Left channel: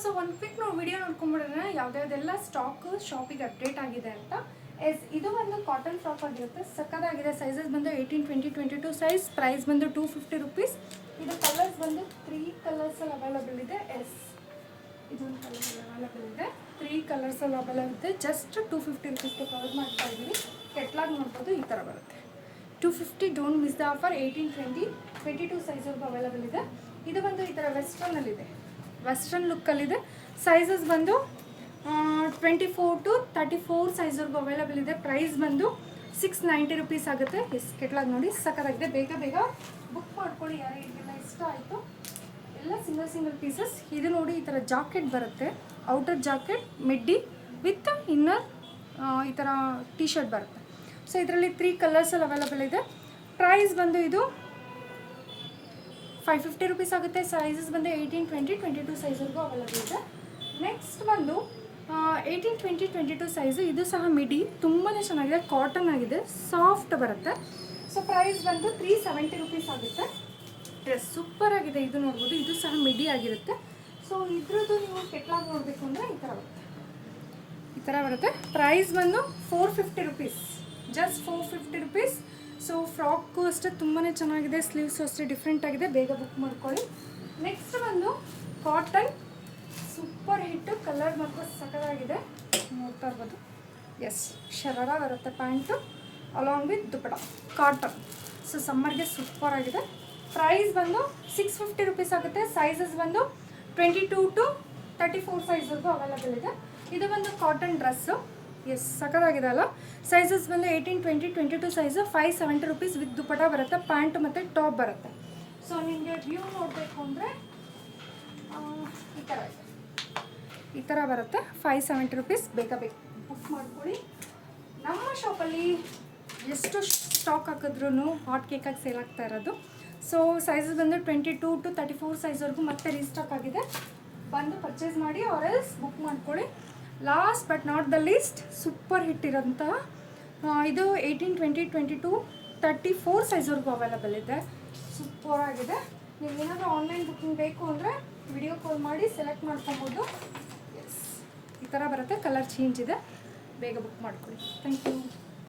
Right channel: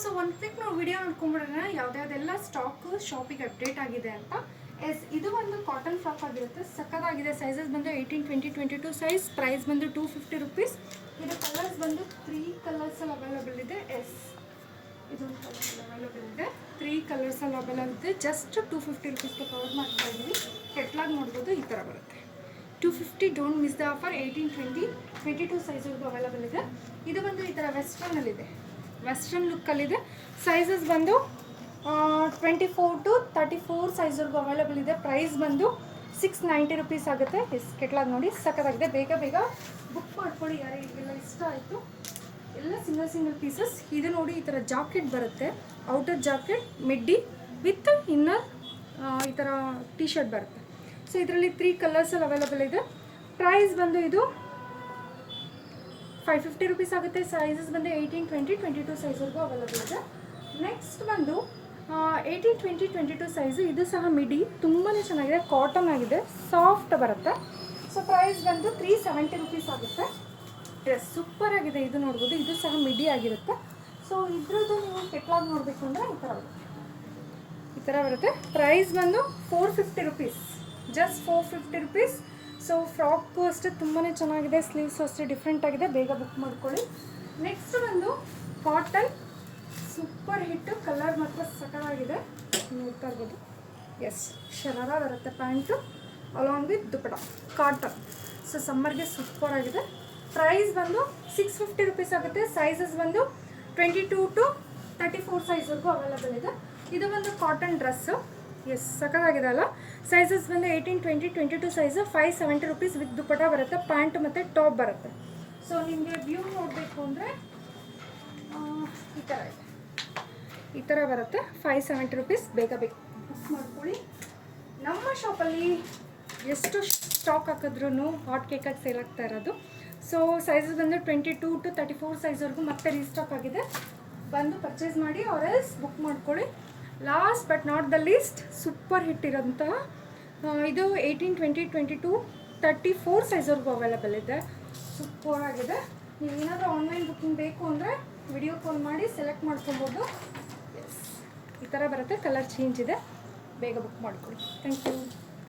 So ಒಂದು quick ನಾವು video ನೋಡ್ಕೊಂಡ್ಬಿಡೋಣ ಯಾವುದ್ಯಾವುದೆಲ್ಲ stock ಶಾಪಿಗೆ ಅಪ್ಡೇಟ್ ಆಗಿದೆ ಅಂತ. ಇದು ಒಂದು ಕಾಟನ್ ಫ್ರಾಕ್ ಆಗಿರುತ್ತೆ, ಸಕ್ಕದಾಗಿದೆ. ಸೈಜಸ್ ಬಂದು 18, 20, 22 ಸೈಜ್. ಪ್ರೈಸ್ ಬಂದು 250 ರುಪೀಸ್. ಇದು ಕಲರ್ಸ್ ಬಂದು 3 ಕಲರ್ಸಲ್ಲಿ ಅವೈಲಬಲ್ ಇದೆ. ಇದೊಂದು ಕಲರ್ ಅವೈಲಬಲ್ ಇದೆ, 3 ಕಲರ್ಸಲ್ಲಿ ಅವೈಲಬಲ್ ಇದೆ. ಜಸ್ಟ್ 250 ರುಪೀಸ್ಗೆ ಕವರ್ ಮಾಡ್ತಾ ಇದ್ದೀವಿ. ಕೆಟ್ಲಾಗ್ ನೋಡ್ಬೋದು, ಈ ಥರ ಬರುತ್ತೆ. 250, ಡೋಂಟ್ ಮಿಸ್ ದ ಆಫರ್. 18, 20, 22 ಸೈಜ್ವರೆಗೂ ಅವೈಲಬಲ್ ಇದೆ. ಇದು ಬಂದು ಈ ಥರ ವೆಸ್ಟರ್ನಲ್ಲಿದೆ, ವೆಸ್ಟರ್ನ್ ಲುಕ್ಕಲ್ಲಿದೆ. ಸೈಜಸ್ ಬಂದು 24 to 34 ಸೈಜ್ವರೆಗೂ ಅವೈಲಬಲ್ ಇದೆ. ಪ್ರೈಸ್ ಬಂದು 690 ರುಪೀಸ್ ಆಗುತ್ತೆ. ಕೆಟ್ಲಾಗ್ ನೋಡಿ ಸಕ್ಕತ್ತಾಗಿದೆ. ಬೇಗ ಬೇಗ ಬುಕ್ ಮಾಡ್ಕೊಳ್ಳಿ, ಯಾರಿಗೆಲ್ಲ ಇಷ್ಟ ಆಯಿತು. ಎಲ್ಲ ಸಿಂಗಲ್ ಪೀಸಸ್. ಇದು ನೋಡಿ ಈ ಥರ ಜಾಕೆಟ್ ಬರುತ್ತೆ, ಔಟರ್ ಜಾಕೆಟ್ ಮಿಡ್ಡಿ ವಿತ್ ಇನ್ನರ್ ಈ ಥರ ಟಿ ಶರ್ಟ್ ಬರುತ್ತೆ. ಸೊ ಇದರಲ್ಲಿ 3 ಕಲರ್ಸಲ್ಲಿ ಅವೈಲಬಲ್ ಇದೆ. ಪ್ರೈಸ್ ಬಂದು ಇದು 550 ರುಪೀಸ್ ಆಗುತ್ತೆ. ಸೈಜಸ್ ಬಂದು 18, 20, 22 ಸೈಜ್ವರೆಗೂ ಅವೈಲಬಲ್ ಇದೆ. ನೆಕ್ಸ್ಟ್ ಬಂದು 18, 20, 22 ಸೈಜು. ಇದು ಸಹ ಮಿಡಿ, ತುಂಬಾ ಚೆನ್ನಾಗಿದೆ, ಕಾಟನ್ ಆಗಿದೆ, ಸಾಫ್ಟ್ ಬರುತ್ತೆ. ಸೊ ಪ್ರೈಸ್ ಬಂದು 370 ರುಪೀಸ್ ಆಗುತ್ತೆ. ಎಸ್, ಸೂಪರ್ ಆಗಿದೆ. ಇದು ನೋಡ್ಬೋದು, ಇದು ಸಹ ಮಿಡಿ ಆಗಿರುತ್ತೆ. ಸೊ ಇದ್ರದ್ದು ನೀವು ಕೆಟ್ಲಾಗ್ ನೋಡಬೇಕು ಅಂದರೆ ಈ ಥರ ಬರುತ್ತೆ. ಪ್ರೈಸ್ ಬಂದು 450 rupees, just 450 rupees. So frock ಅಷ್ಟೇ ತುಂಬಾ ಚೆನ್ನಾಗಿದೆ, ಸ್ಲೀವ್ಸ್ ಅಷ್ಟೇ ಡಿಫ್ರೆಂಟ್ ಆಗಿದೆ. ಬೇಗ ಬುಕ್ ಮಾಡ್ಕೊಳ್ಳಿ. ನೆಕ್ಸ್ಟ್ ಬಂದು ಕಾಟನ್ ಸೂಪರ್ ಹಿಟ್ಟು, ಕಲರ್ ಮಾತ್ರ ಸಕ್ಕತ್ತಾಗಿದೆ, ನೋಡ್ತಾ ಇರ್ಬೋದು. ಎಸ್, ಶರಾರ ಬರುತ್ತೆ pant along with dupatta, cotton. So ಸಮ್ಮರ್ಗೆ ಸೂಪರ್ ಆಗಿದೆ. ಪ್ರೈಸ್ ಬಂದು 650 ರುಪೀಸ್ ಆಗುತ್ತೆ. ಸೈಜಸ್ ಬಂದು 22 to 34 ಸೈಜ್ವರೆಗೂ ಅವೈಲಬಲ್ ಇದೆ. ಇದು ಬಂದು ಕಾಟನ್ ಡ್ರೆಸ್ಸು. ಎಸ್, ಸಕ್ಕತ್ತಾಗಿದೆ ಅಲ್ಲ. ಸೈಜಸ್ ಬಂದು 18, 20, 22 ಸೈಜು. 570 ರುಪೀಸ್ ವಿತ್ ದುಪಟ ಬರುತ್ತೆ, ಪ್ಯಾಂಟು ಮತ್ತು ಟಾಪ್ ಬರುತ್ತೆ. ಸೊ ನಿಮಗೆ ವ್ಯೂ ನೋಡಬೇಕು ಅಂದರೆ ಈ ಥರ ಬರುತ್ತೆ. 570 ರುಪೀಸ್. ಬೇಗ ಬುಕ್ ಮಾಡ್ಕೊಳ್ಳಿ. ನಮ್ಮ ಶಾಪಲ್ಲಿ ಎಷ್ಟು ಸ್ಟಾಕ್ ಹಾಕಿದ್ರೂ ಹಾಟ್ ಕೇಕಾಗಿ ಸೇಲ್ ಆಗ್ತಾ ಇರೋದು. ಸೊ ಸೈಜಸ್ ಬಂದು 22 to 34 ಸೈಜ್ವರೆಗೂ ಮತ್ತೆ ರೀಸ್ಟಾಕ್ ಆಗಿದೆ. ಬಂದು ಪರ್ಚೇಸ್ ಮಾಡಿ ಆರ್ ಎಲ್ಸ್ ಬುಕ್ ಮಾಡ್ಕೊಳ್ಳಿ. Last but not the least, super hit ಇರೋಂತಹ ಇದು 18, 20, 22, 34 ಸೈಜ್ವರೆಗೂ ಅವೈಲಬಲ್ ಇದೆ. ಸೂಪರ್ ಆಗಿದೆ. ನೀವು ಏನಾದರೂ ಆನ್ಲೈನ್ ಬುಕ್ಕಿಂಗ್ ಬೇಕು ಅಂದರೆ ವಿಡಿಯೋ ಕಾಲ್ ಮಾಡಿ ಸೆಲೆಕ್ಟ್ ಮಾಡ್ಕೊಬೋದು. ಎಸ್, ಈ ಥರ ಬರುತ್ತೆ. ಕಲರ್ ಚೇಂಜ್ ಇದೆ. ಬೇಗ ಬುಕ್ ಮಾಡ್ಕೊಳ್ಳಿ. Thank you.